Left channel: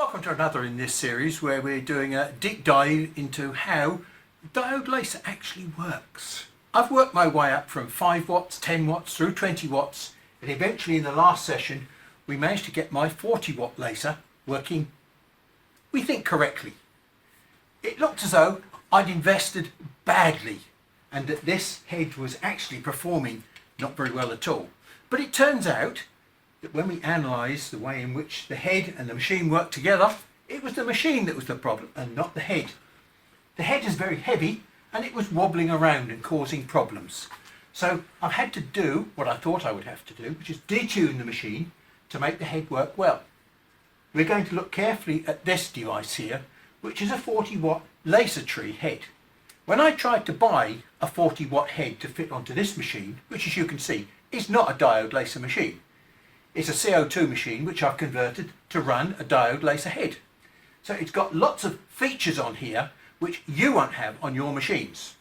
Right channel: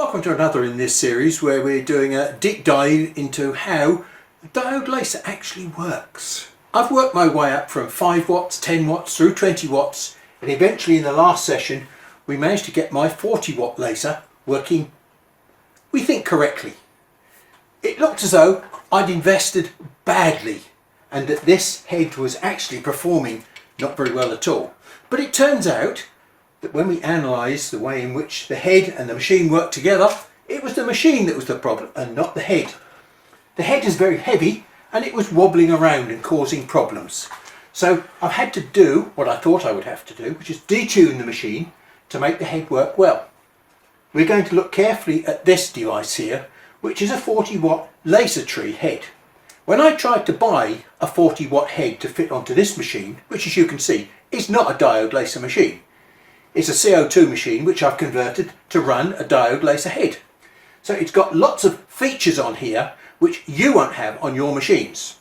Welcome to another in this series where we're doing a deep dive into how the diode laser actually works. I've worked my way up from 5 watts, 10 watts through 20 watts, and eventually in the last session we managed to get my 40 watt laser working, we think, correctly. It looked as though I'd invested badly and that this head was actually performing not very well at all. But it turns out that when we analyse the way in which the head and the machine work together, it was the machine that was the problem and not the head. The head is very heavy and it was wobbling around and causing problems. So I've had to do what I thought I would have to do, which is detune the machine to make the head work well. We're going to look carefully at this device here, which is a 40 watt laser tree head. When I tried to buy a 40 watt head to fit onto this machine, which as you can see is not a diode laser machine, it's a CO2 machine which I've converted to run a diode laser head. So it's got lots of features on here which you won't have on your machines.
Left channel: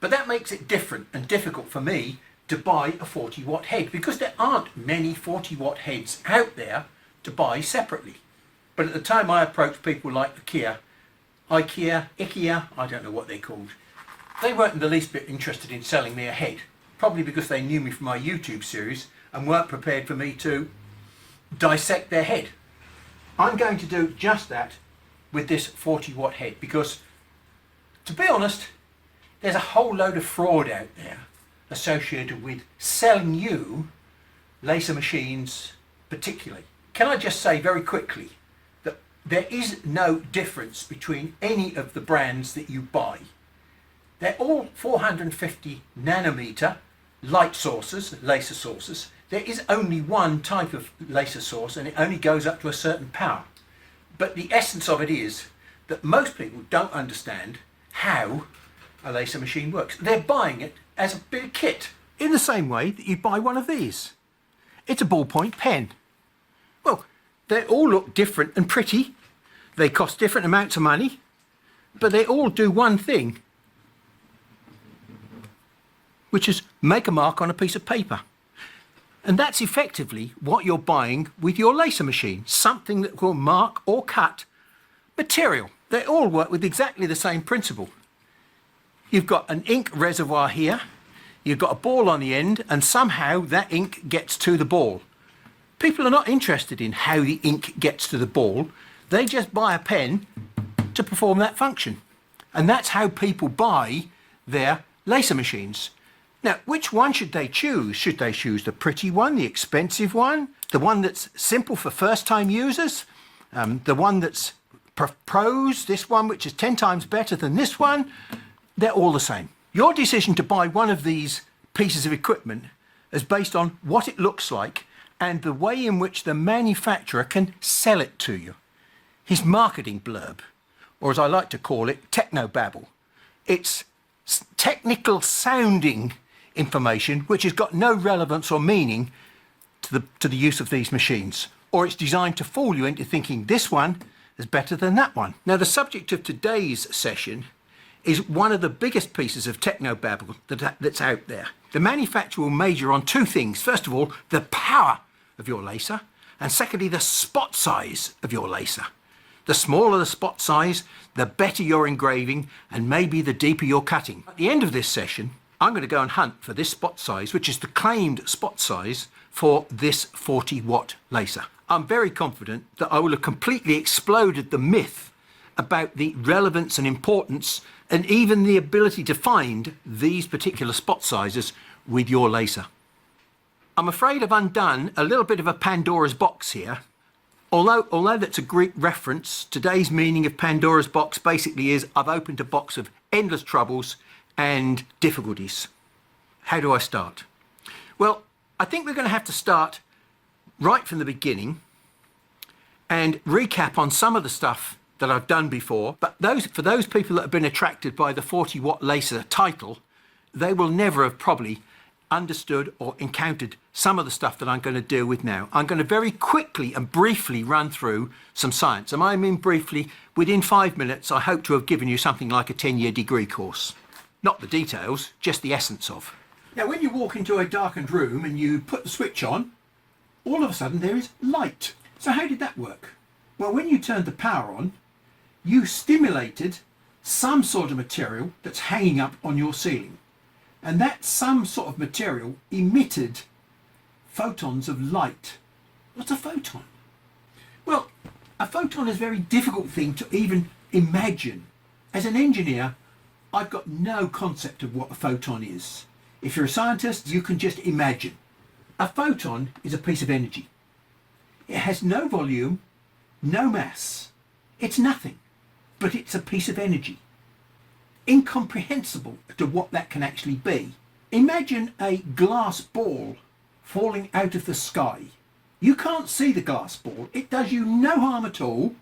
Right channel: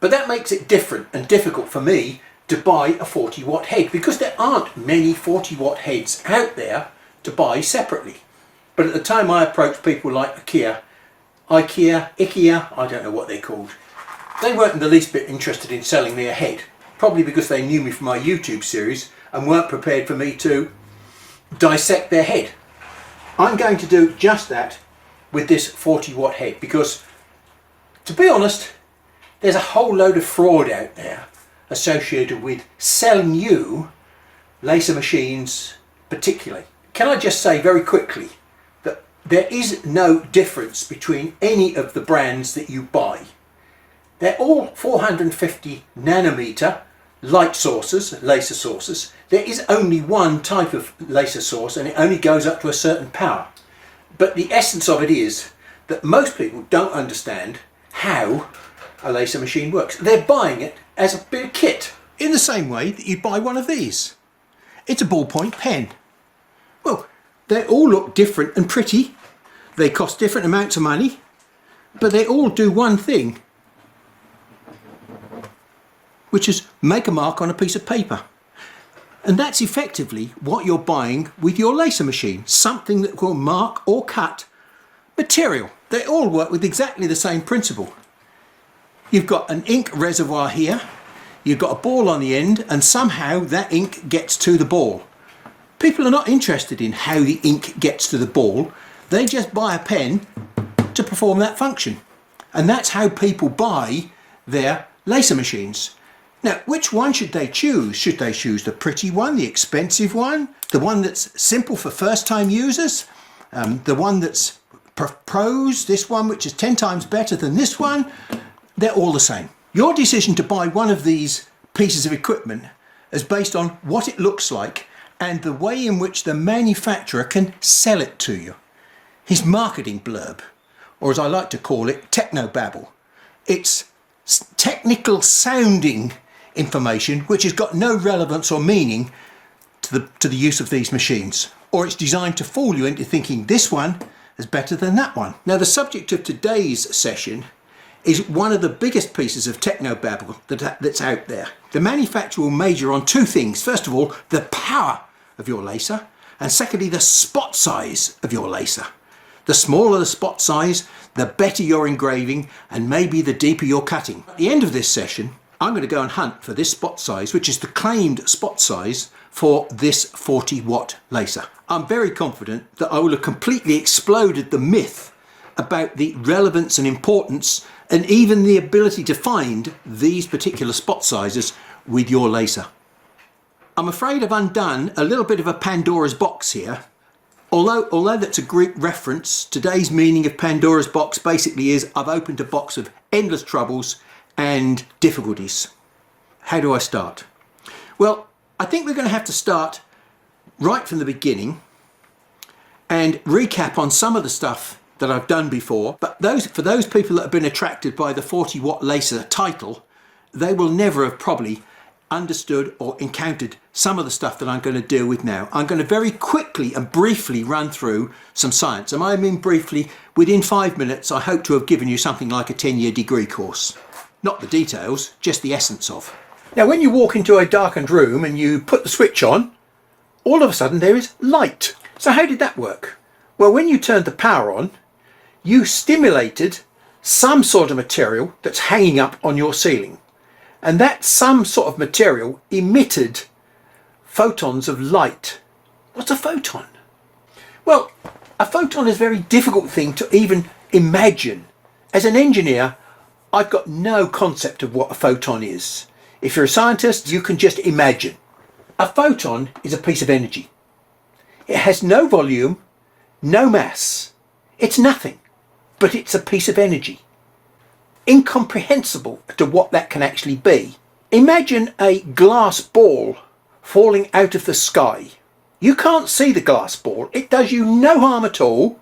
But that makes it different and difficult for me to buy a 40 watt head because there aren't many 40 watt heads out there to buy separately. But at the time I approached people like IKEA, I don't know what they're called. They weren't in the least bit interested in selling me a head, probably because they knew me from my YouTube series and weren't prepared for me to dissect their head. I'm going to do just that with this 40 watt head because, to be honest, there's a whole load of fraud out there associated with selling you laser machines particularly. Can I just say very quickly that there is no difference between any of the brands that you buy. They're all 450 nanometer light sources, laser sources. There is only one type of laser source and it only goes up to a certain power. But the essence of it is that most people don't understand how a laser machine works. They're buying it as a bit of kit, in the same way that you buy one of these. It's a ballpoint pen. Well, they all look different and pretty. They cost different amounts of money, but they all do one thing, which is make a mark on a piece of paper. And that's effectively what you're buying with your laser machine, something that will mark or cut material. They all work with exactly the same principle. You've got an ink reservoir here, you've got a ball on the end, and somehow that ink gets to the ball. People are not interested in how the ink gets to the ball, they just buy a pen to perform that function. And that's how people buy their laser machines. Now, which one should they choose? Should they choose the pretty one, the expensive one, the one that's simple for first-time users, the one that's pros, this one which is 10 times better than this one? They're all the same. Your decision to buy one of these pieces of equipment is based on what it looks like and the way in which the manufacturer can sell it to you. His marketing blurb, or as I like to call it, techno babble. It's technical sounding information which has got no relevance or meaning to the use of these machines, or it's designed to fool you into thinking this one is better than that one. Now, the subject of today's session is one of the biggest pieces of techno babble that's out there. The manufacturer will major on two things. First of all, the power of your laser, and secondly, the spot size of your laser. The smaller the spot size, the better your engraving, and maybe the deeper your cutting. At the end of this session, I'm going to go and hunt for this spot size, which is the claimed spot size for this 40 watt laser. I'm very confident that I will have completely exploded the myth about the relevance and importance and even the ability to find these particular spot sizes with your laser. I'm afraid I've undone a little bit of a Pandora's box here. Although that's a Greek reference, today's meaning of Pandora's box basically is I've opened a box of endless troubles and difficulties. How do I start? Well, I think we're going to have to start right from the beginning and recap on some of the stuff that I've done before. But for those people that have been attracted by the 40 watt laser title, they will never have probably understood or encountered some of the stuff that I'm going to deal with now. I'm going to very quickly and briefly run through some science. And I mean briefly, within 5 minutes, I hope to have given you something like a 10-year degree course. Not the details, just the essence of. Now, when you walk into a darkened room and you put the switch on, all of a sudden there is light. So how did that work? Well, when you turned the power on, you stimulated some sort of material that's hanging up on your ceiling. And that some sort of material emitted photons of light. What's a photon? Well, a photon is a very difficult thing to even imagine. As an engineer, I've got no concept of what a photon is. If you're a scientist, you can just imagine. A photon is a piece of energy. It has no volume, no mass. It's nothing, but it's a piece of energy. Incomprehensible to what that can actually be. Imagine a glass ball falling out of the sky. You can't see the glass ball. It does you no harm at all,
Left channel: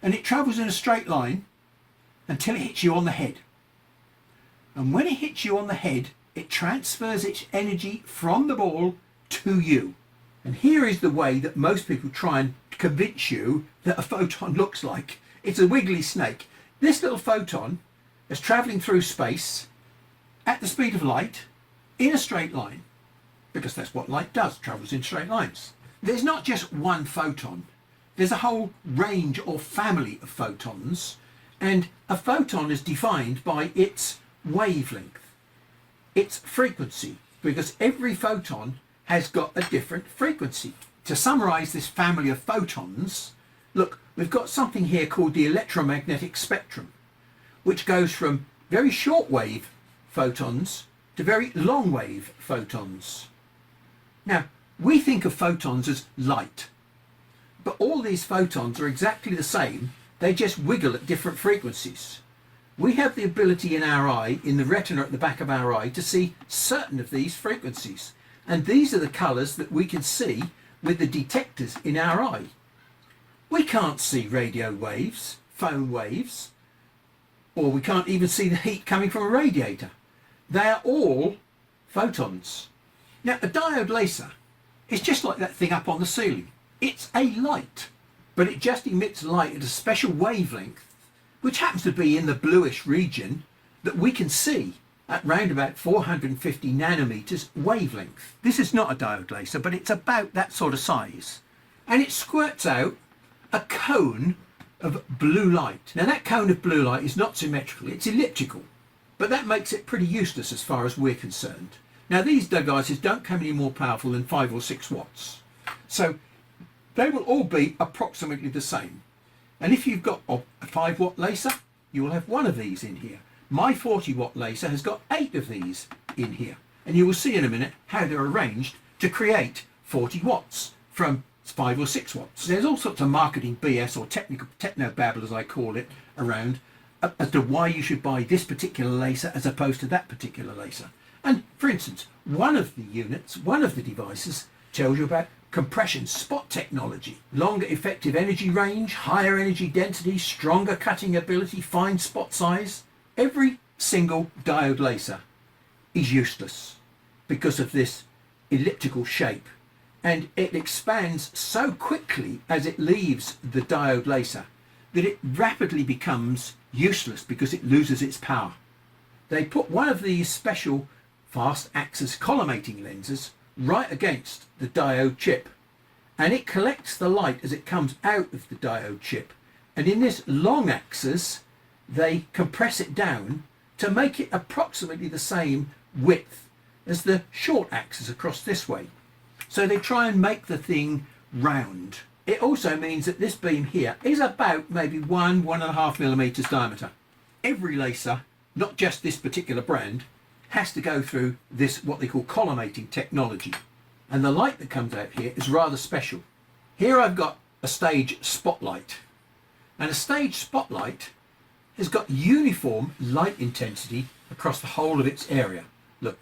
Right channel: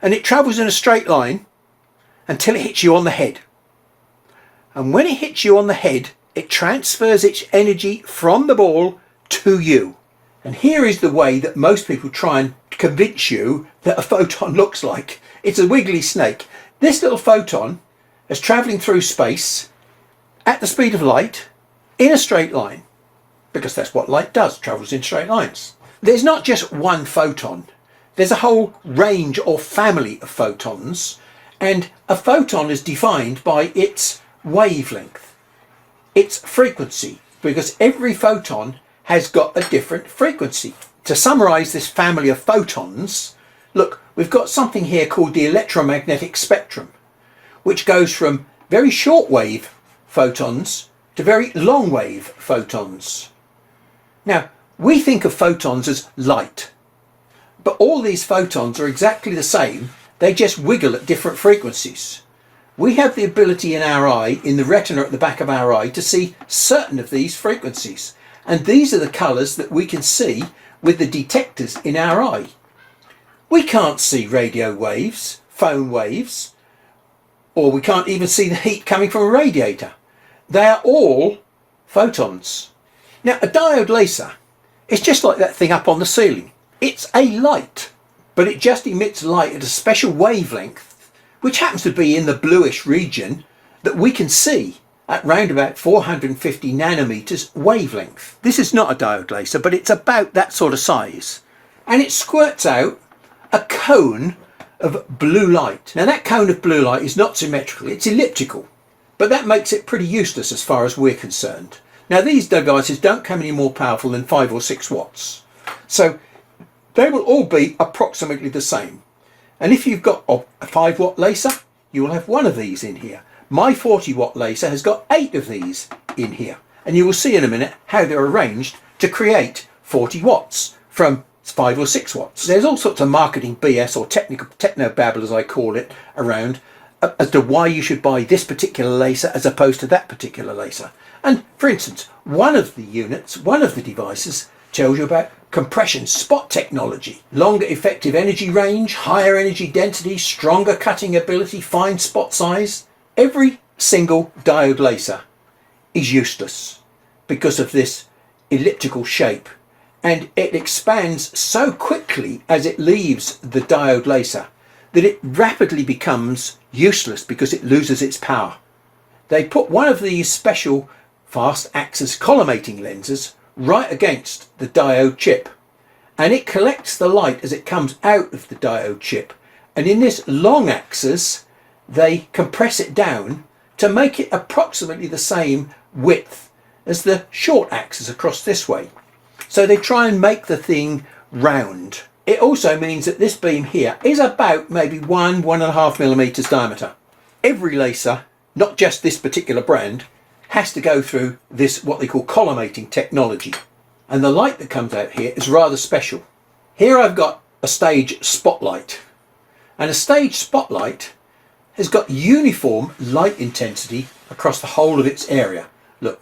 and it travels in a straight line until it hits you on the head. And when it hits you on the head, it transfers its energy from the ball to you. And here is the way that most people try and convince you that a photon looks like. It's a wiggly snake. This little photon is travelling through space at the speed of light in a straight line, because that's what light does, travels in straight lines. There's not just one photon. There's a whole range or family of photons, and a photon is defined by its wavelength, its frequency, because every photon has got a different frequency. To summarise this family of photons, look, we've got something here called the electromagnetic spectrum, which goes from very short wave photons to very long wave photons. Now, we think of photons as light, but all these photons are exactly the same. They just wiggle at different frequencies. We have the ability in our eye, in the retina at the back of our eye, to see certain of these frequencies. And these are the colours that we can see with the detectors in our eye. We can't see radio waves, phone waves, or we can't even see the heat coming from a radiator. They are all photons. Now, a diode laser is just like that thing up on the ceiling. It's a light, but it just emits light at a special wavelength, which happens to be in the bluish region that we can see at round about 450 nanometers wavelength. This is not a diode laser, but it's about that sort of size. And it squirts out a cone of blue light. Now that cone of blue light is not symmetrical, it's elliptical, but that makes it pretty useless as far as we're concerned. Now these devices don't come any more powerful than 5 or 6 watts. So they will all be approximately the same. And if you've got a 5-watt laser, you will have one of these in here. My 40-watt laser has got 8 of these in here. And you will see in a minute how they're arranged to create 40 watts from 5 or 6 watts. There's all sorts of marketing BS, or techno babble as I call it, around as to why you should buy this particular laser as opposed to that particular laser. And for instance, one of the units, one of the devices, tells you about compression spot technology, longer effective energy range, higher energy density, stronger cutting ability, fine spot size. Every single diode laser is useless because of this elliptical shape, and it expands so quickly as it leaves the diode laser that it rapidly becomes useless because it loses its power. They put one of these special fast axis collimating lenses right against the diode chip, and it collects the light as it comes out of the diode chip, and in this long axis they compress it down to make it approximately the same width as the short axis across this way. So they try and make the thing round. It also means that this beam here is about maybe 1.5 millimeters diameter. Every laser, not just this particular brand, has to go through this what they call collimating technology. And the light that comes out here is rather special. Here I've got a stage spotlight, and a stage spotlight has got uniform light intensity across the whole of its area. Look,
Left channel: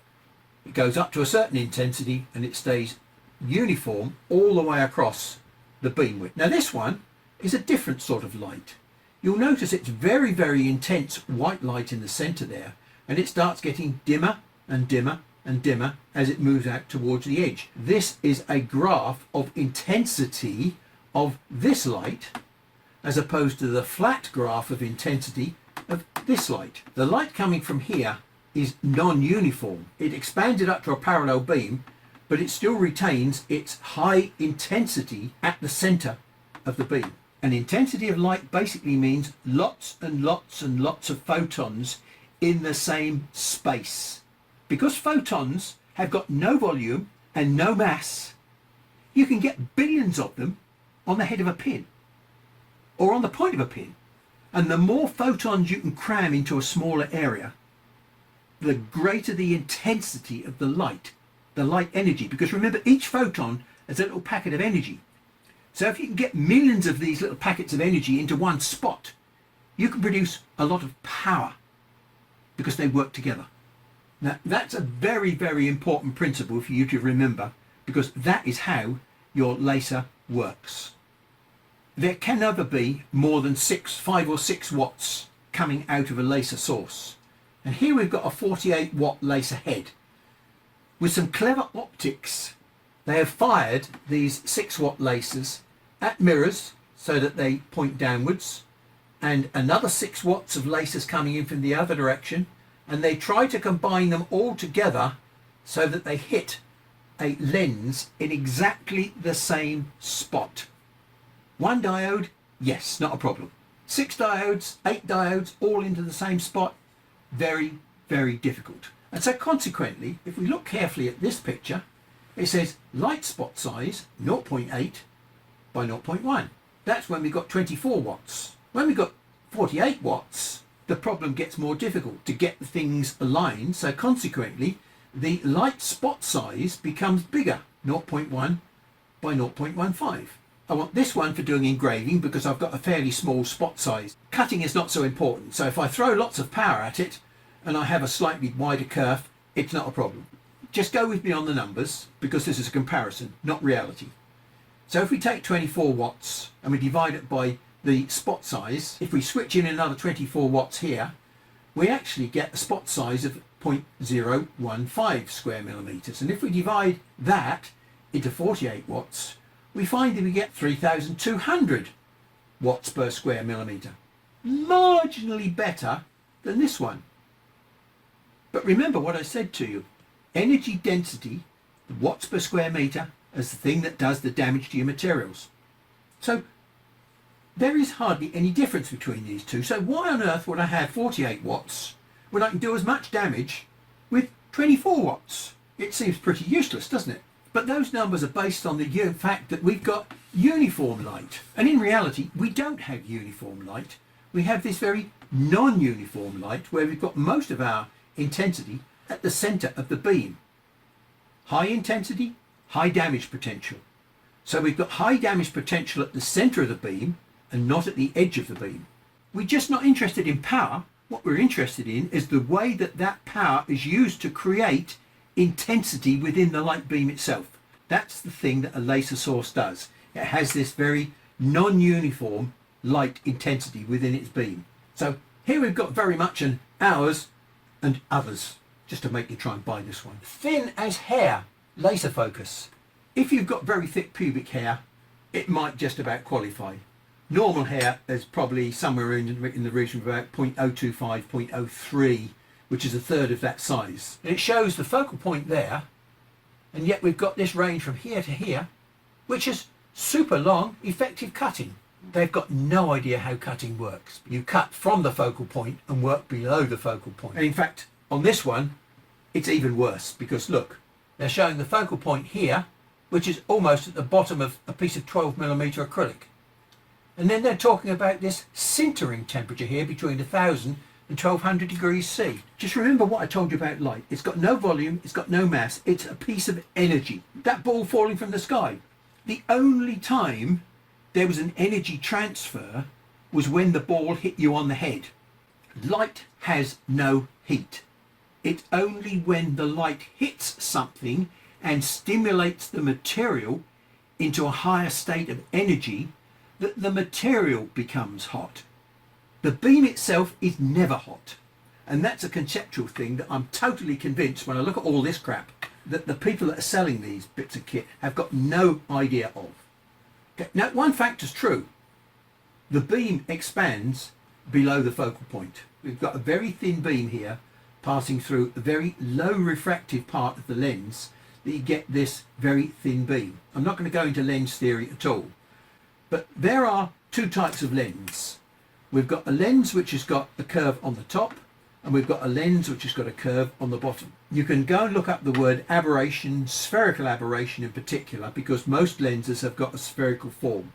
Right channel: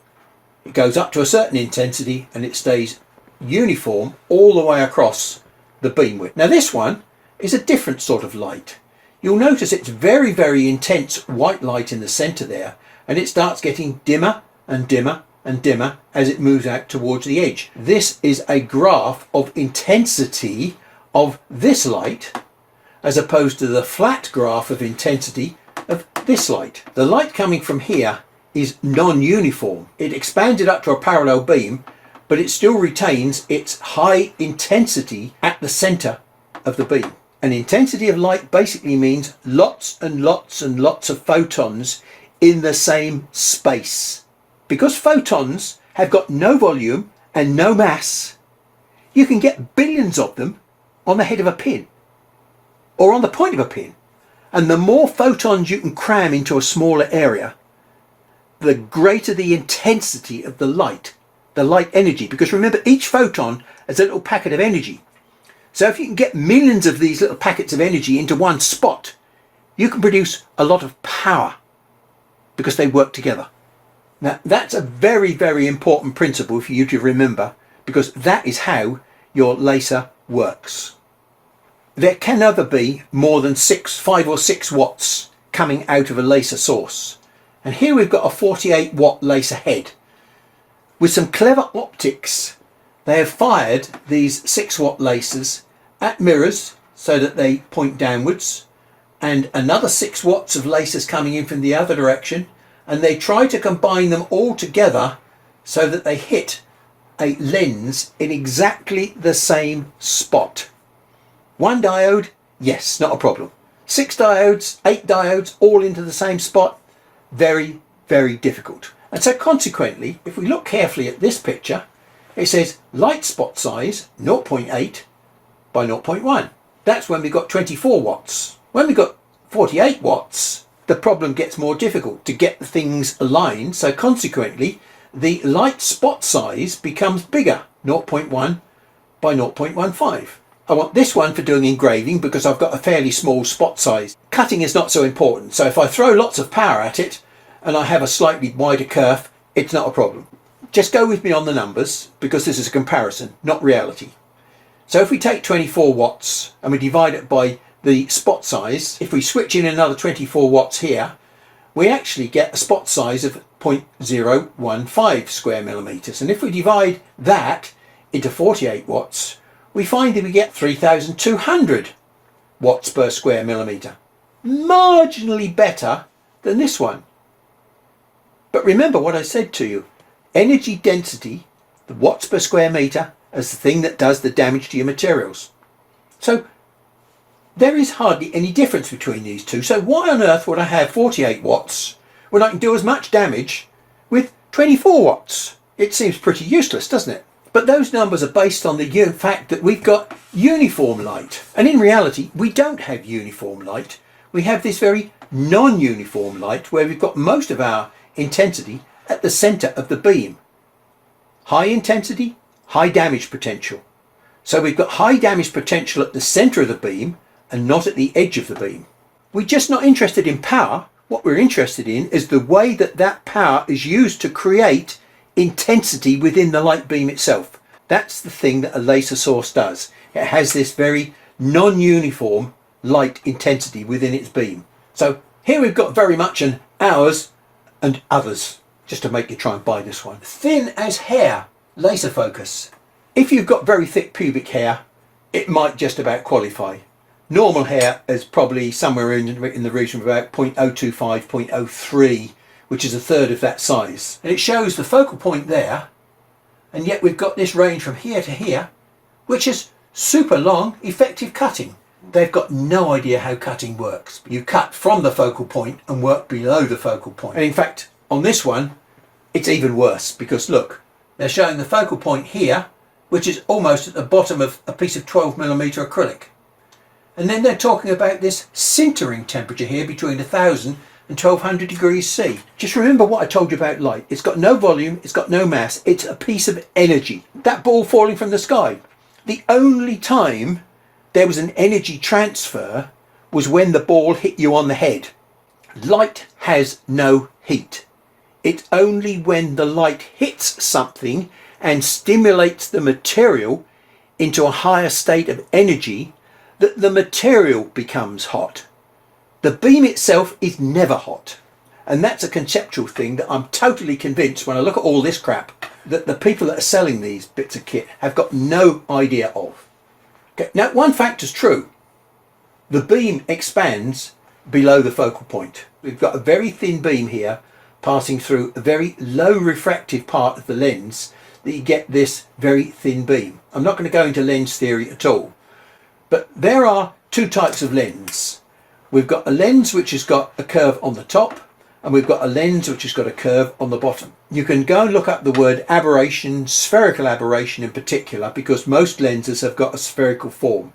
it goes up to a certain intensity and it stays uniform all the way across the beam width. Now this one is a different sort of light. You'll notice it's very, very intense white light in the center there, and it starts getting dimmer and dimmer and dimmer as it moves out towards the edge. This is a graph of intensity of this light as opposed to the flat graph of intensity of this light. The light coming from here is non-uniform. It expanded up to a parallel beam, but it still retains its high intensity at the center of the beam. And intensity of light basically means lots and lots and lots of photons in the same space. Because photons have got no volume and no mass, you can get billions of them on the head of a pin or on the point of a pin. And the more photons you can cram into a smaller area, the greater the intensity of the light energy. Because remember, each photon is a little packet of energy. So if you can get millions of these little packets of energy into one spot, you can produce a lot of power because they work together. Now, that's a very, very important principle for you to remember, because that is how your laser works. There can never be more than 5 or 6 watts coming out of a laser source. And here we've got a 48 watt laser head. With some clever optics, they have fired these 6 watt lasers at mirrors so that they point downwards, and another 6 watts of lasers coming in from the other direction, and they try to combine them all together so that they hit a lens in exactly the same spot. 1 diode, yes, not a problem. 6 diodes, 8 diodes, all into the same spot, very, very difficult. And so consequently, if we look carefully at this picture, it says light spot size 0.8 by 0.1. That's when we got 24 watts. When we got 48 watts, the problem gets more difficult to get the things aligned. So consequently, the light spot size becomes bigger, 0.1 by 0.15. I want this one for doing engraving because I've got a fairly small spot size. Cutting is not so important. So if I throw lots of power at it and I have a slightly wider kerf, it's not a problem. Just go with me on the numbers because this is a comparison, not reality. So if we take 24 watts and we divide it by the spot size, if we switch in another 24 watts here, we actually get a spot size of 0.015 square millimeters. And if we divide that into 48 watts, we find that we get 3,200 watts per square millimeter. Marginally better than this one. But remember what I said to you. Energy density, the watts per square meter, is the thing that does the damage to your materials. So there is hardly any difference between these two. So why on earth would I have 48 watts when I can do as much damage with 24 watts? It seems pretty useless, doesn't it? But those numbers are based on the fact that we've got uniform light. And in reality, we don't have uniform light. We have this very non-uniform light where we've got most of our intensity at the center of the beam. High intensity, high damage potential. So we've got high damage potential at the center of the beam and not at the edge of the beam. We're just not interested in power. What we're interested in is the way that that power is used to create intensity within the light beam itself. That's the thing that a laser source does. It has this very non-uniform light intensity within its beam. So here we've got very much an ours and others, just to make you try and buy this one. Thin as hair laser focus. If you've got very thick pubic hair, it might just about qualify. Normal hair is probably somewhere in the region of about 0.025, 0.03, which is a third of that size. And it shows the focal point there, and yet we've got this range from here to here, which is super long, effective cutting. They've got no idea how cutting works. You cut from the focal point and work below the focal point. And in fact, on this one, it's even worse because look, they're showing the focal point here, which is almost at the bottom of a piece of 12mm acrylic. And then they're talking about this sintering temperature here between 1000 and 1200 degrees C. Just remember what I told you about light. It's got no volume, it's got no mass, it's a piece of energy. That ball falling from the sky. The only time there was an energy transfer was when the ball hit you on the head. Light has no heat. It's only when the light hits something and stimulates the material into a higher state of energy that the material becomes hot. The beam itself is never hot. And that's a conceptual thing that I'm totally convinced when I look at all this crap that the people that are selling these bits of kit have got no idea of. Okay, now one fact is true. The beam expands below the focal point. We've got a very thin beam here passing through a very low refractive part of the lens that you get this very thin beam. I'm not going to go into lens theory at all, but there are two types of lens. We've got a lens which has got a curve on the top, and we've got a lens which has got a curve on the bottom. You can go and look up the word aberration, spherical aberration in particular, because most lenses have got a spherical form.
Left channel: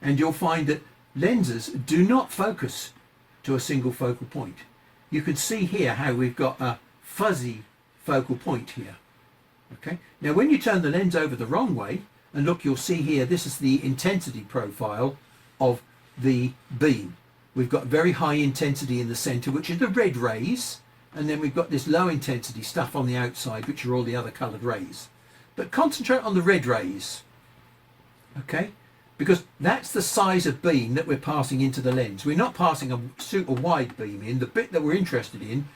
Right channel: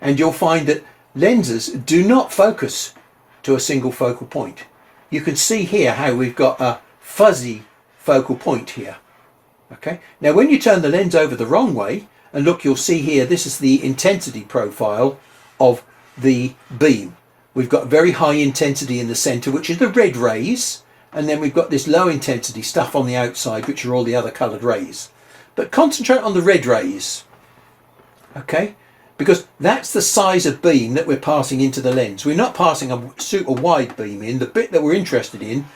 And you'll find that lenses do not focus to a single focal point. You can see here how we've got a fuzzy focal point here. Okay, now when you turn the lens over the wrong way, and look, you'll see here, this is the intensity profile of the beam. We've got very high intensity in the center, which is the red rays, and then we've got this low intensity stuff on the outside, which are all the other colored rays. But concentrate on the red rays, okay, because that's the size of beam that we're passing into the lens. We're not passing a super wide beam in. The bit that we're interested in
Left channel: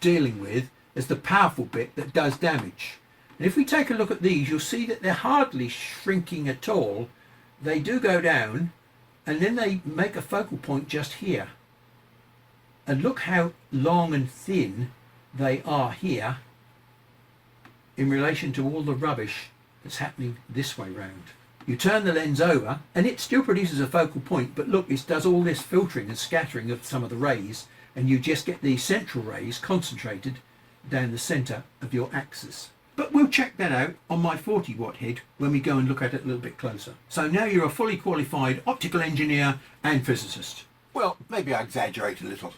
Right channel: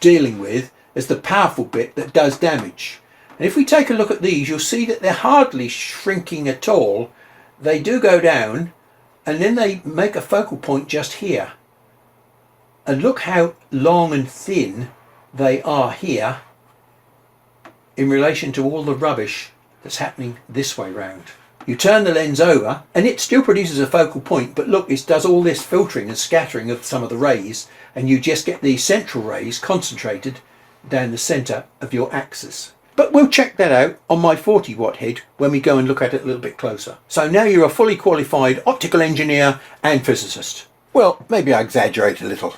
dealing with is the powerful bit that does damage. And if we take a look at these, you'll see that they're hardly shrinking at all. They do go down, and then they make a focal point just here. And look how long and thin they are here in relation to all the rubbish that's happening this way round. You turn the lens over and it still produces a focal point, but look, it does all this filtering and scattering of some of the rays, and you just get the central rays concentrated down the center of your axis. But we'll check that out on my 40 watt head when we go and look at it a little bit closer. So now you're a fully qualified optical engineer and physicist. Well, maybe I exaggerate a little,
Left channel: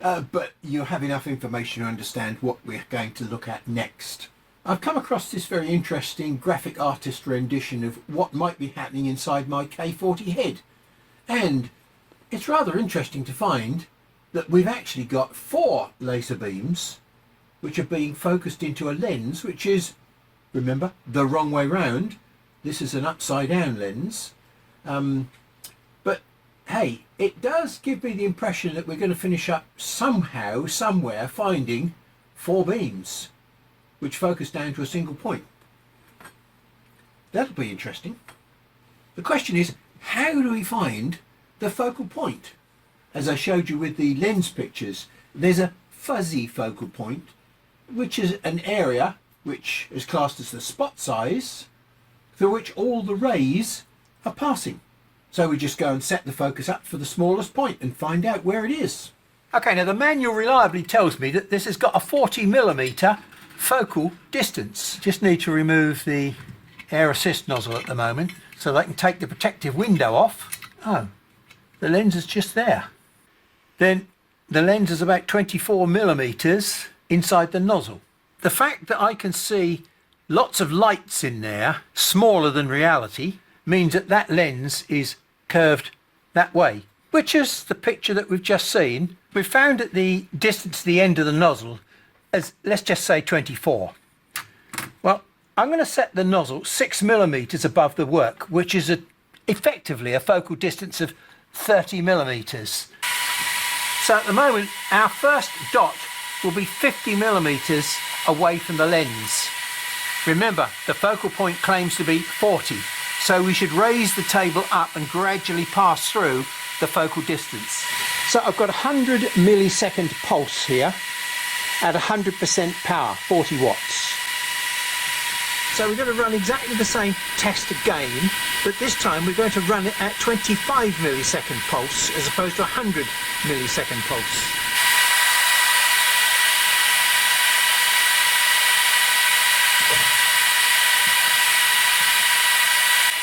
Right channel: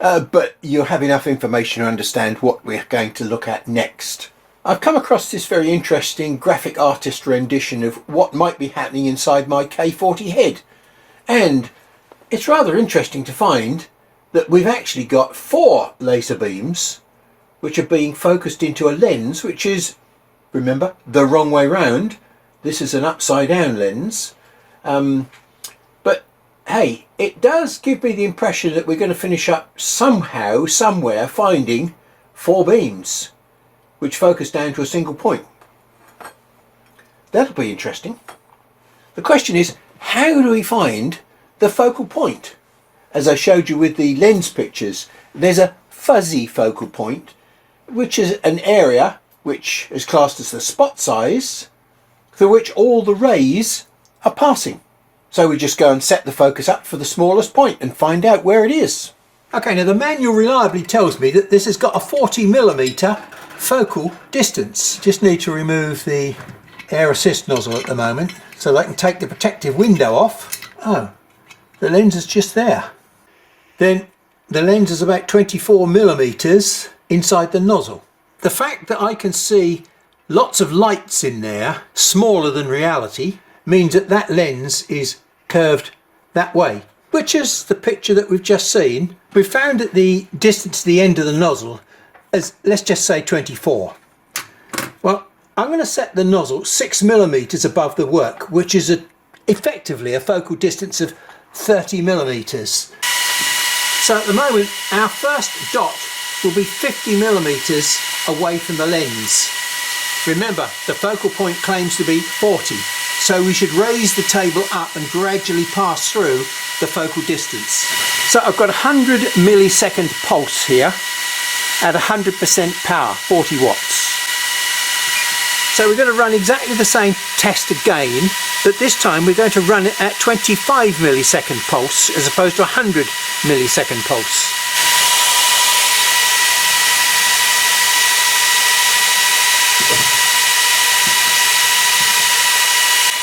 but you'll have enough information to understand what we're going to look at next. I've come across this very interesting graphic artist rendition of what might be happening inside my K40 head. And it's rather interesting to find that we've actually got 4 laser beams which are being focused into a lens which is, remember, the wrong way round. This is an upside down lens. But hey, it does give me the impression that we're going to finish up somehow, somewhere, finding 4 beams which focus down to a single point. That'll be interesting. The question is, how do we find the focal point? As I showed you with the lens pictures, there's a fuzzy focal point, which is an area which is classed as the spot size through which all the rays are passing. So we just go and set the focus up for the smallest point and find out where it is. Okay, now the manual reliably tells me that this has got a 40mm focal distance. Just need to remove the air assist nozzle at the moment so they can take the protective window off. Oh, the lens is just there. Then the lens is about 24mm inside the nozzle. The fact that I can see lots of lights in there, smaller than reality, means that that lens is curved that way, which is the picture that we've just seen. We've found that the distance to the end of the nozzle is, let's just say, 24. Well, I'm going to set the nozzle 6mm above the work, which is effectively a focal distance of 30mm. So at the moment, our first dot will be 50mm away from the lens. Remember, the focal point claims to be 40, so we should raise the table up and gradually pass through the focal distance. So I've got a 100 millisecond pulse here at 100% power, 40 watts. So we're going to run exactly the same test again, but this time we're going to run it at 25 millisecond pulse as opposed to 100 millisecond pulse.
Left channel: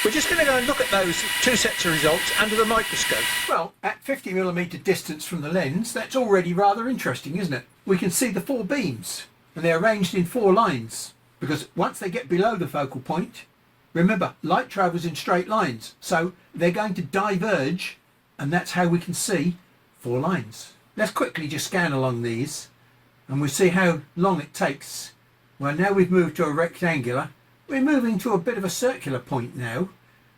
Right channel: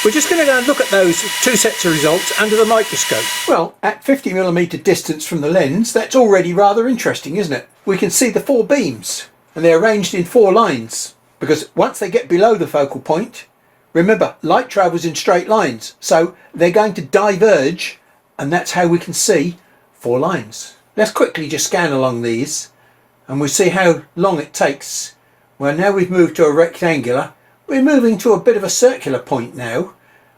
We're just going to go and look at those 2 sets of results under the microscope. Well, at 50mm distance from the lens, that's already rather interesting, isn't it? We can see the 4 beams, and they're arranged in 4 lines, because once they get below the focal point, remember, light travels in straight lines, so they're going to diverge, and that's how we can see 4 lines. Let's quickly just scan along these, and we'll see how long it takes. Well, now we've moved to a rectangular. We're moving to a bit of a circular point now,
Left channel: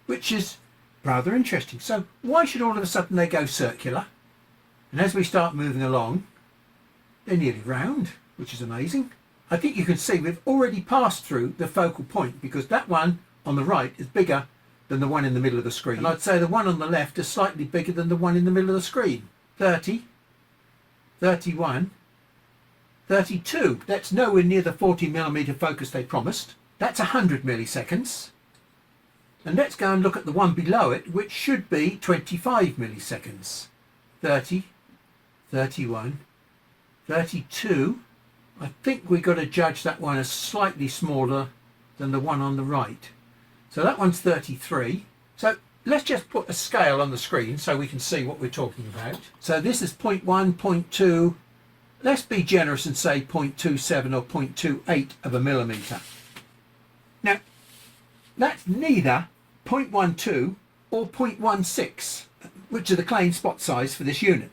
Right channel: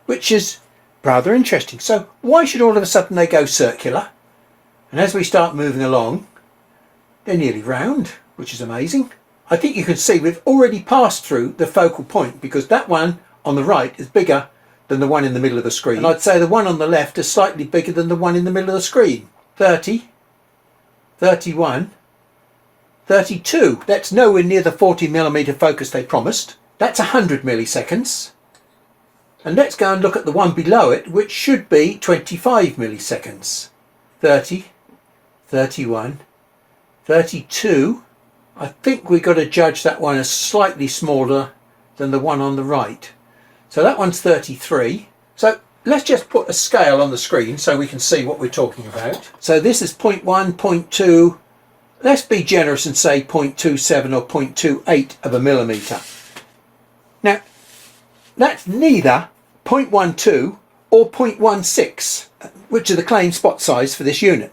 which is rather interesting. So why should all of a sudden they go circular? And as we start moving along, they're nearly round, which is amazing. I think you can see we've already passed through the focal point, because that one on the right is bigger than the one in the middle of the screen. And I'd say the one on the left is slightly bigger than the one in the middle of the screen. 30, 31, 32. That's nowhere near the 40mm focus they promised. That's 100 milliseconds. And let's go and look at the one below it, which should be 25 milliseconds. 30, 31, 32. I think we've got to judge that one as slightly smaller than the one on the right. So that one's 33. So let's just put a scale on the screen so we can see what we're talking about. So this is 0.1, 0.2. Let's be generous and say 0.27 or 0.28 of a millimetre. Now, that's neither 0.12 or 0.16, which are the claimed spot size for this unit.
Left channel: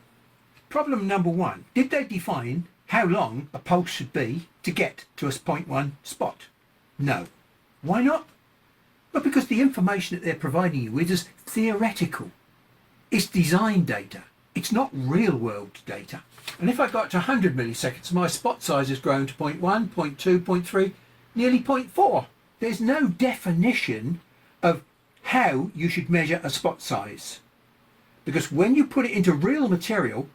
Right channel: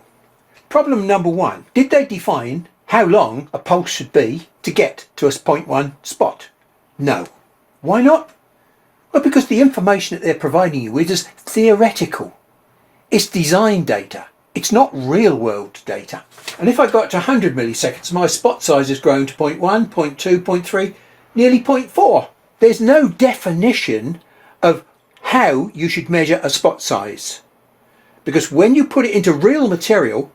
Problem number one, did they define how long a pulse should be to get to a 0.1 spot? No. Why not? Well, because the information that they're providing you with is theoretical. It's design data. It's not real world data. And if I got to 100 milliseconds, my spot size has grown to 0.1, 0.2, 0.3, nearly 0.4. There's no definition of how you should measure a spot size. Because when you put it into real material,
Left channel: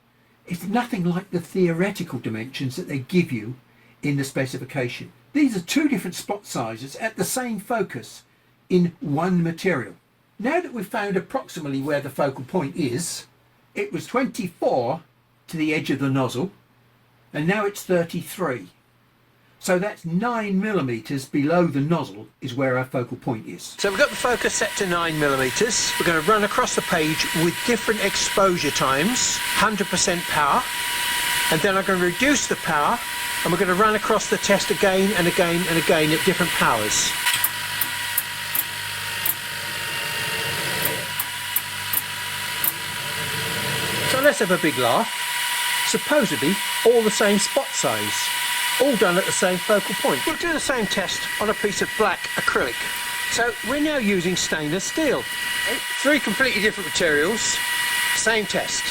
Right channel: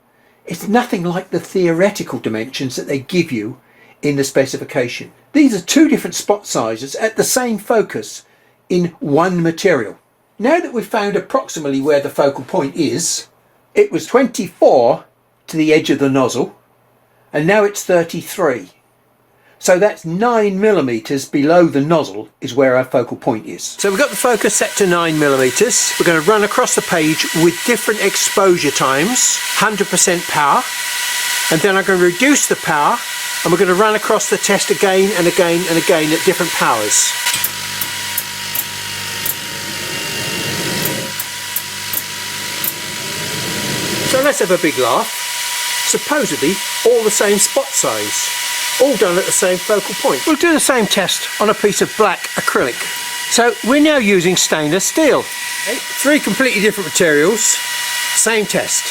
it's nothing like the theoretical dimensions that they give you in the specification. These are two different spot sizes at the same focus in one material. Now that we've found approximately where the focal point is, it was 24 to the edge of the nozzle, and now it's 33. So that's 9 millimeters below the nozzle is where our focal point is. So we've got the focus set to 9 millimeters. We're going to run across the page with different exposure times, 100% power, and then I'm going to reduce the power, and we're going to run across the test again and again and again at different powers. So let's have a big laugh. Supposedly all the same spot size, all done at the same focal point. We'll do the same test on a piece of black acrylic. So we're now using stainless steel. Okay, three completely different materials, same test.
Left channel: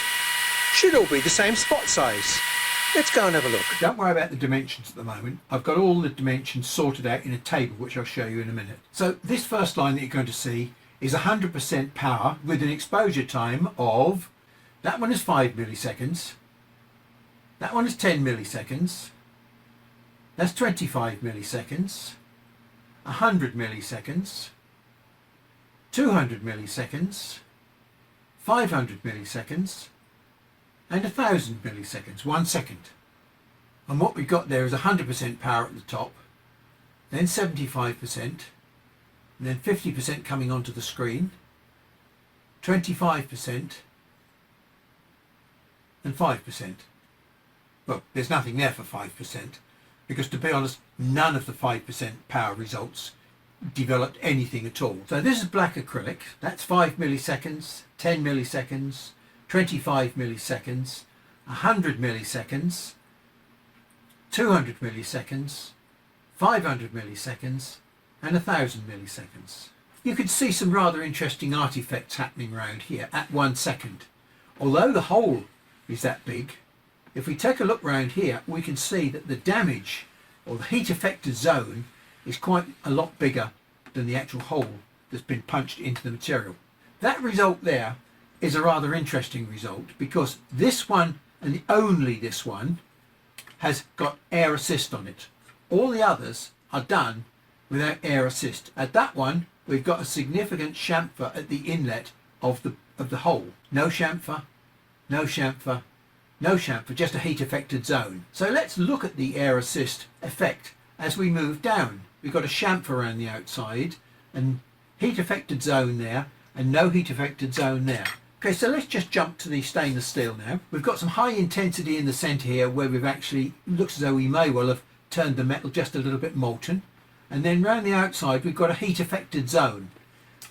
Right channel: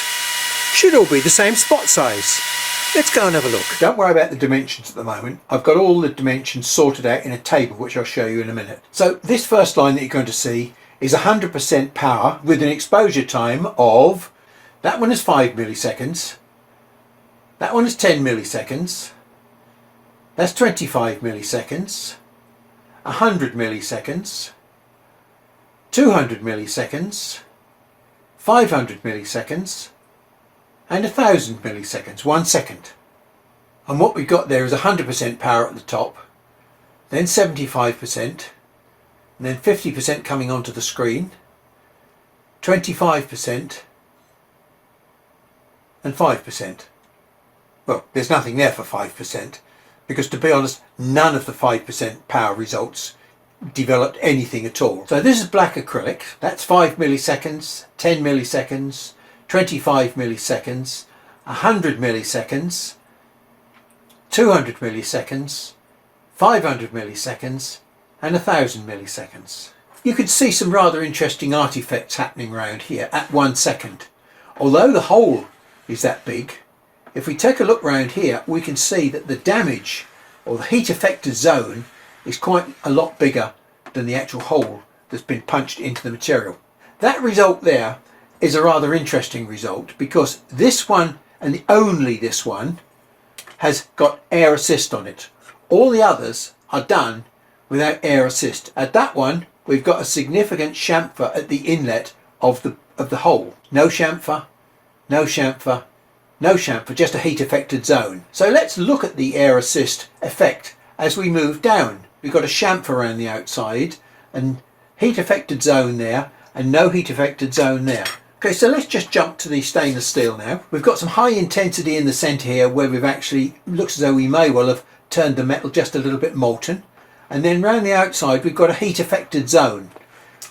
Should all be the same spot size. Let's go and have a look. Don't worry about the dimensions at the moment. I've got all the dimensions sorted out in a table which I'll show you in a minute. So this first line that you're going to see is 100% power with an exposure time of, that one is 5 milliseconds, that one is 10 milliseconds, that's 25 milliseconds, 100 milliseconds, 200 milliseconds, 500 milliseconds, and 1000 milliseconds, 1 second. And what we've got there is 100% power at the top, then 75%, and then 50% coming onto the screen, 25%, and 5%. Well, there's nothing there for 5%, because to be honest, none of the 5% power results developed anything at all. So this is black acrylic, that's 5 milliseconds, 10 milliseconds, 25 milliseconds, 100 milliseconds, 200 milliseconds, 500 milliseconds, and 1000 milliseconds. You can see some rather interesting artifacts happening around here at 1 second. Although the hole is that big, if we take a look around here, we can see that the damage or the heat affected zone is quite a lot bigger than the actual hole that's been punched into the material. That result there is a rather interesting result, because this one and only this one has got air assist on it. All the others are done without air assist. At that one we've got a significant chamfer at the inlet of the hole. No chamfer, no chamfer, no chamfer, just a heat affected zone. So let's look at the air assist effect as we move down. We've got a chamfer around the outside and heat affected zone there and no heat affected zone there. Okay, so let's just jump to the stainless steel now. We've got some high intensity in the centre here where we've actually, looks as though we may well have turned the metal just a little bit molten. And then round the outside we've got a heat affected zone,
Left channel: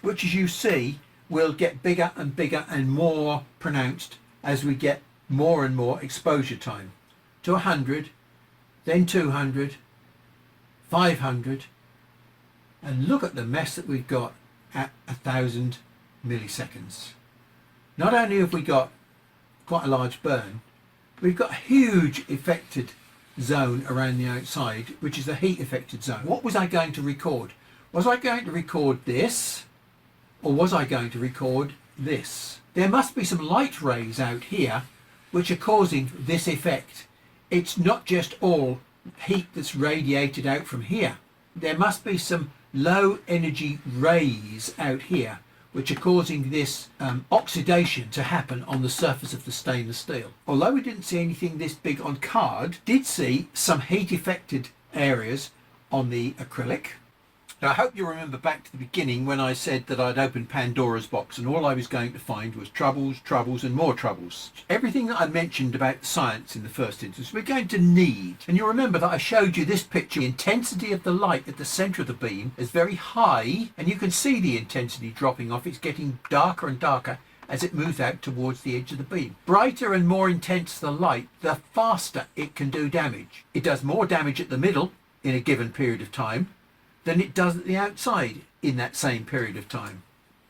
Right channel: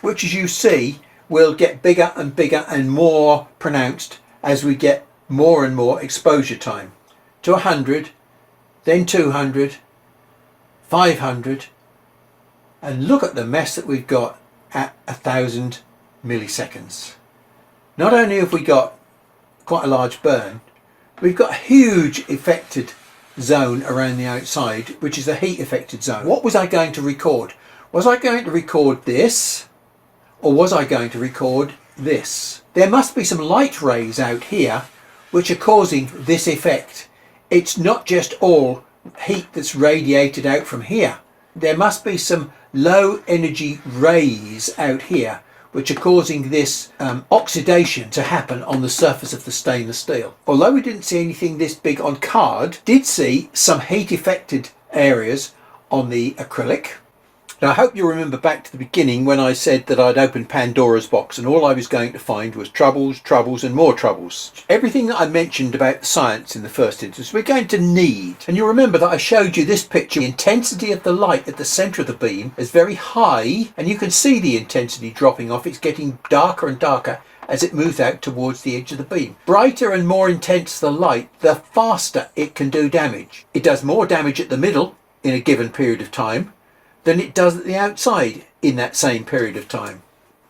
which as you see will get bigger and bigger and more pronounced as we get more and more exposure time. To 100, then 200, 500, and look at the mess that we've got at 1000 milliseconds. Not only have we got quite a large burn, we've got a huge affected zone around the outside, which is the heat affected zone. What was I going to record? Was I going to record this, or was I going to record this? There must be some light rays out here which are causing this effect. It's not just all heat that's radiated out from here. there must be some low energy rays out here which are causing this oxidation to happen on the surface of the stainless steel. Although we didn't see anything this big on card, did see some heat affected areas on the acrylic. Now, I hope you remember back to the beginning when I said that I'd opened Pandora's box and all I was going to find was troubles, troubles and more troubles. Everything that I mentioned about the science in the first instance we're going to need. And you'll remember that I showed you this picture. The intensity of the light at the centre of the beam is very high and you can see the intensity dropping off. It's getting darker and darker as it moves out towards the edge of the beam. Brighter and more intense the light, the faster it can do damage. It does more damage at the middle in a given period of time than it does at the outside in that same period of time.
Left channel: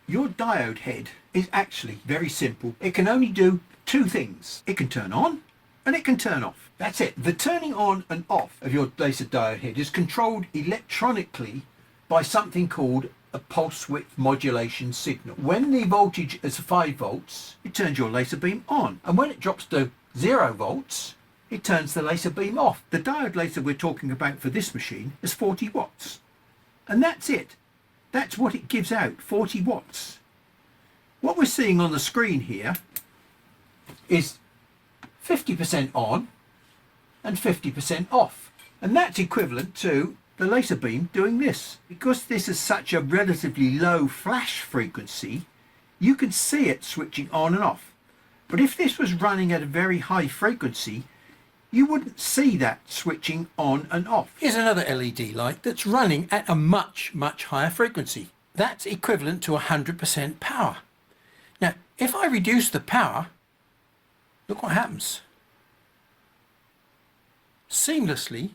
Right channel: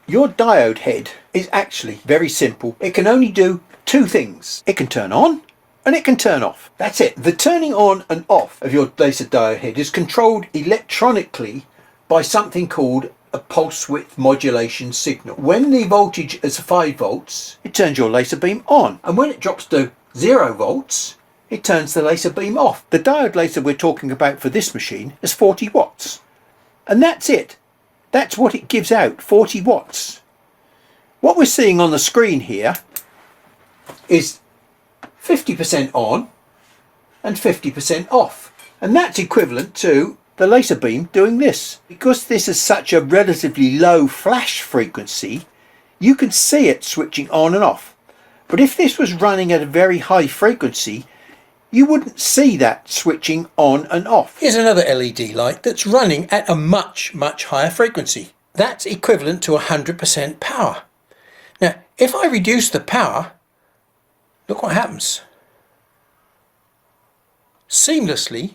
Your diode head is actually very simple. It can only do two things. It can turn on and it can turn off. That's it. The turning on and off of your laser diode head is controlled electronically by something called a pulse width modulation signal. When the voltage is 5 volts, it turns your laser beam on. And when it drops to 0 volts, it turns the laser beam off. The diode laser we're talking about for this machine is 40 watts. And that's it. That's what it gives out, 40 watts. What we're seeing on the screen here is 50% on and 50% off. And that's equivalent to the laser beam doing this. Because this is such a relatively low flash frequency, you can see it switching on and off. But if this was running at a very high frequency, you wouldn't see that switching on and off. Here's another LED light that's running at a much higher frequency. That's equivalent to 100% power. Now, if I reduce the power, look what happens. Seamlessly,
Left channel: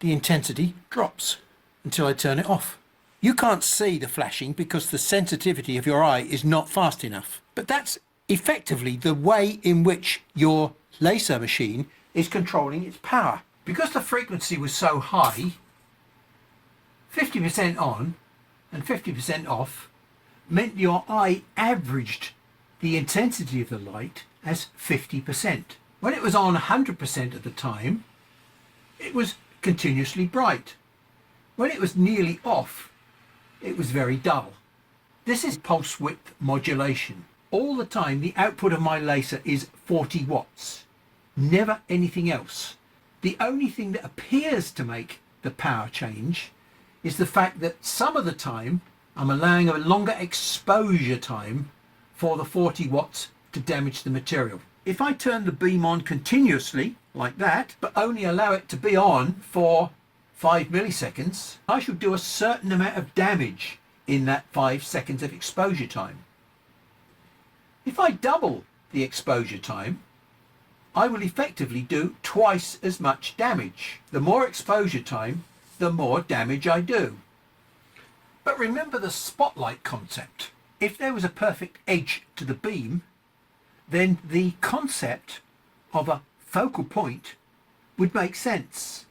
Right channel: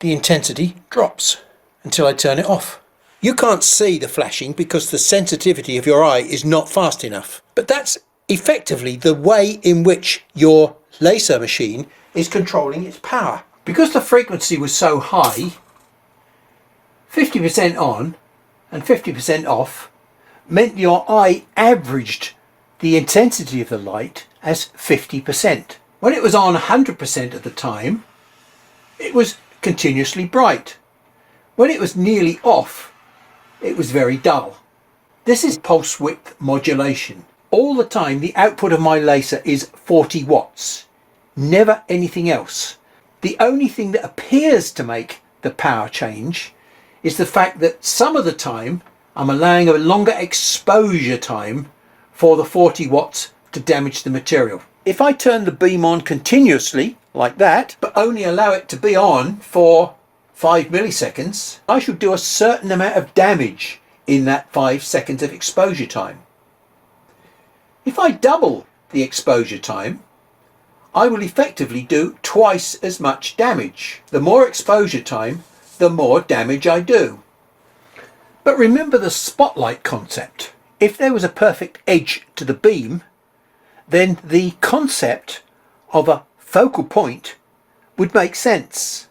the intensity drops until I turn it off. You can't see the flashing because the sensitivity of your eye is not fast enough. But that's effectively the way in which your laser machine is controlling its power. Because the frequency was so high, 50% on and 50% off meant your eye averaged the intensity of the light as 50%. When it was on 100% of the time, it was continuously bright. When it was nearly off, it was very dull. This is pulse width modulation. All the time the output of my laser is 40 watts, never anything else. The only thing that appears to make the power change is the fact that some of the time I'm allowing a longer exposure time for the 40 watts to damage the material. If I turn the beam on continuously like that, but only allow it to be on for 5 milliseconds, I should do a certain amount of damage in that 5 seconds of exposure time. If I double the exposure time, I will effectively do twice as much damage. The more exposure time, the more damage I do. But remember the spotlight concept. If there was a perfect edge to the beam, then the concept of a focal point would make sense.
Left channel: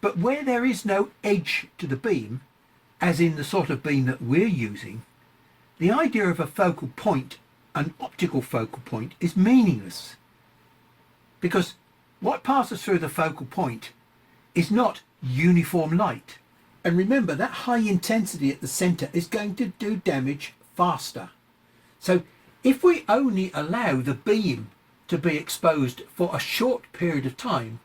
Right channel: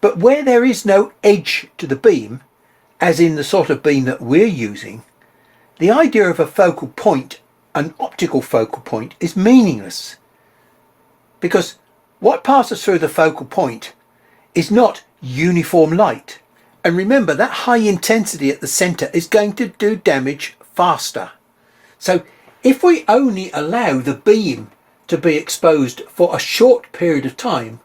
But where there is no edge to the beam, as in the sort of beam that we're using, the idea of a focal point, an optical focal point, is meaningless. Because what passes through the focal point is not uniform light. And remember, that high intensity at the centre is going to do damage faster. So if we only allow the beam to be exposed for a short period of time,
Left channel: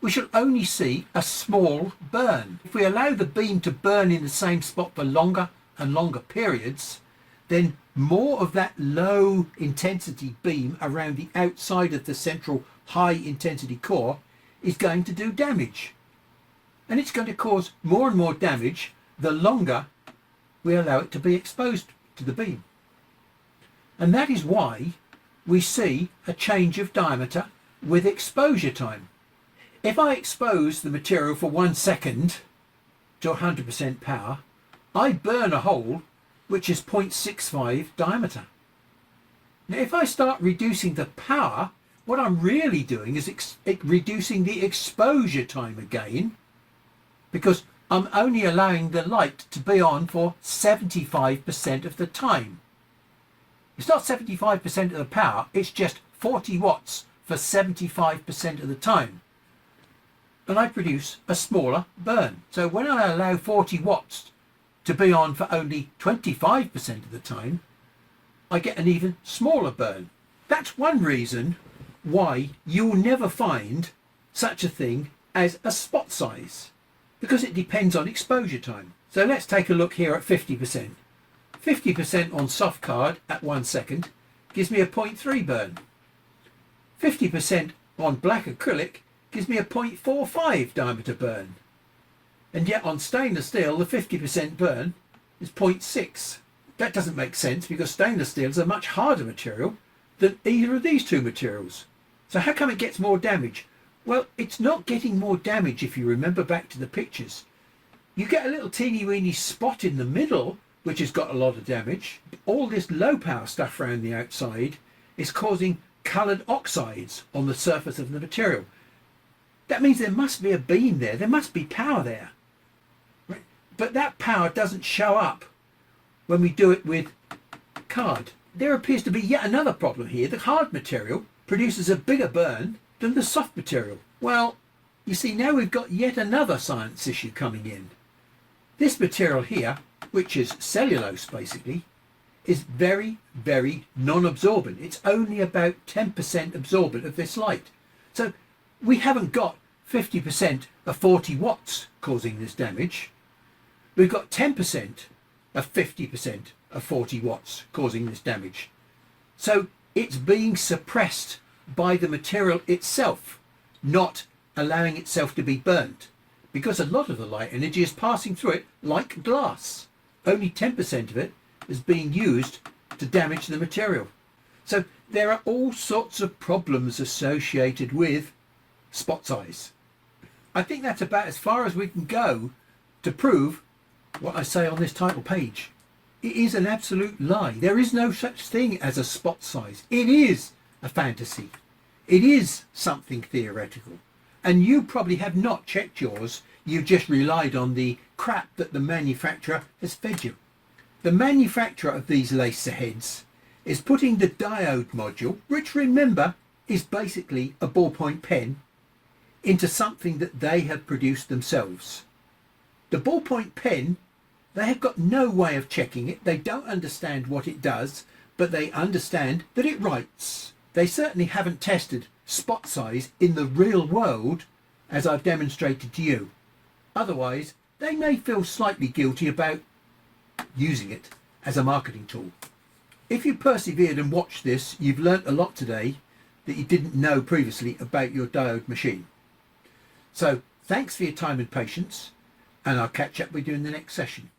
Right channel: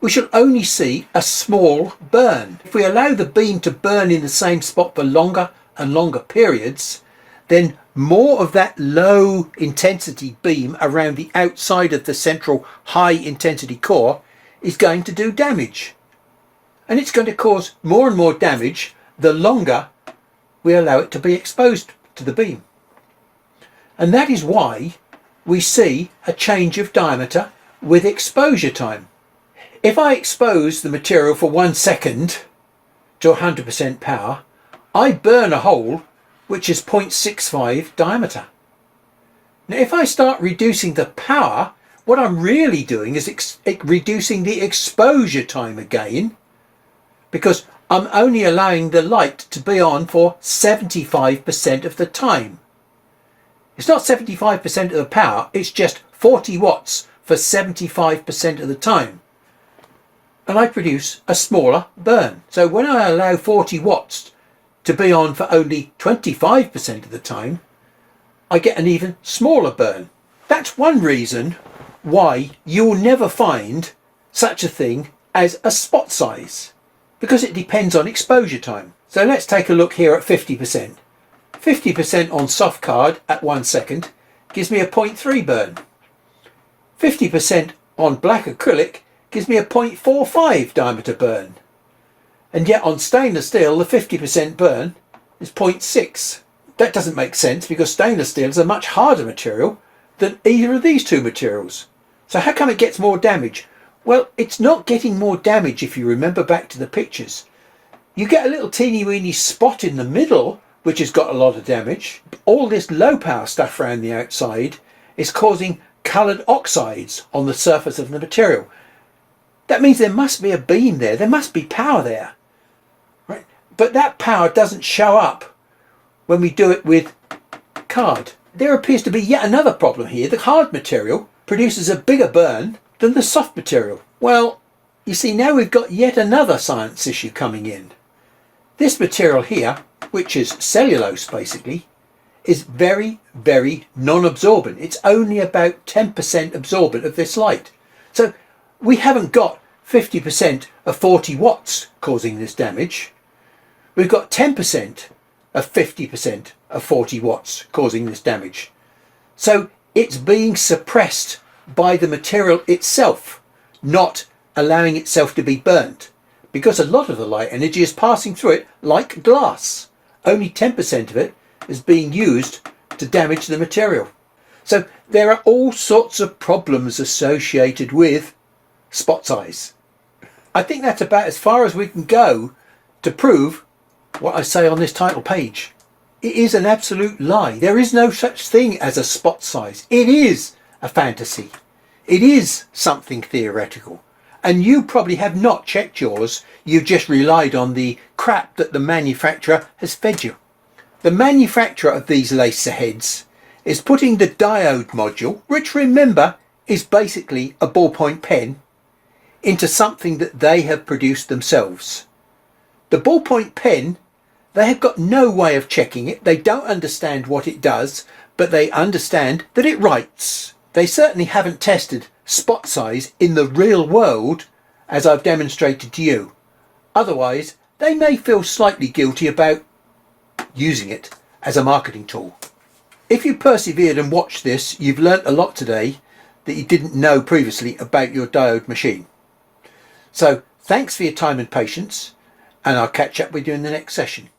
we shall only see a small burn. If we allow the beam to burn in the same spot for longer and longer periods, then more of that low intensity beam around the outside of the central high intensity core is going to do damage. And it's going to cause more and more damage the longer we allow it to be exposed to the beam. And that is why we see a change of diameter with exposure time. If I expose the material for 1 second to 100% power, I burn a hole which is 0.65 diameter. Now if I start reducing the power, what I'm really doing is reducing the exposure time again, because I'm only allowing the light to be on for 75% of the time. It's not 75% of the power, it's just 40 watts for 75% of the time. and I produce a smaller burn. So when I allow 40 watts to be on for only 25% of the time, I get an even smaller burn. That's one reason why you'll never find such a thing as a spot size, because it depends on exposure time. So let's take a look here at 50%. 50% on soft card at 1 second gives me a 0.3 burn. 50% on black acrylic gives me a 0.45 diameter burn. And yet on stainless steel, the 50% burn is 0.6. That doesn't make sense, because stainless steel is a much harder material than either of these two materials. So how come it gets more damage? Well, it's not getting more damage if you remember back to the pictures. You get a little teeny weeny spot in the middle which has got a lot of damage. All this low power stuff around the outside is causing coloured oxides on the surface of the material. That means there must be a beam there, there must be power there, right? But that power doesn't show up when we do it with card. There appears to be yet another problem here. The hard material produces a bigger burn than the soft material. Well, you see, now we've got yet another science issue coming in. This material here, which is cellulose basically, is very, very non-absorbent. It's only about 10% absorbent of this light. So we haven't got 50% of 40 watts causing this damage. We've got 10% of 50% of 40 watts causing this damage. So it's being suppressed by the material itself, not allowing itself to be burnt, because a lot of the light energy is passing through it like glass. Only 10% of it is being used to damage the material. So there are all sorts of problems associated with spot size. I think that's about as far as we can go to prove what I say on this title page. It is an absolute lie. There is no such thing as a spot size. It is a fantasy. It is something theoretical. And you probably have not checked yours. You've just relied on the crap that the manufacturer has fed you. The manufacturer of these laser heads is putting the diode module, which remember is basically a ballpoint pen, into something that they have produced themselves. The ballpoint pen, they have got no way of checking it. They don't understand what it does, but they understand that it writes. They certainly haven't tested spot size in the real world as I've demonstrated to you. Otherwise, they may feel slightly guilty about using it as a marketing tool. If you persevered and watched this, you've learnt a lot today that you didn't know previously about your diode machine. So thanks for your time and patience, and I'll catch up with you in the next session.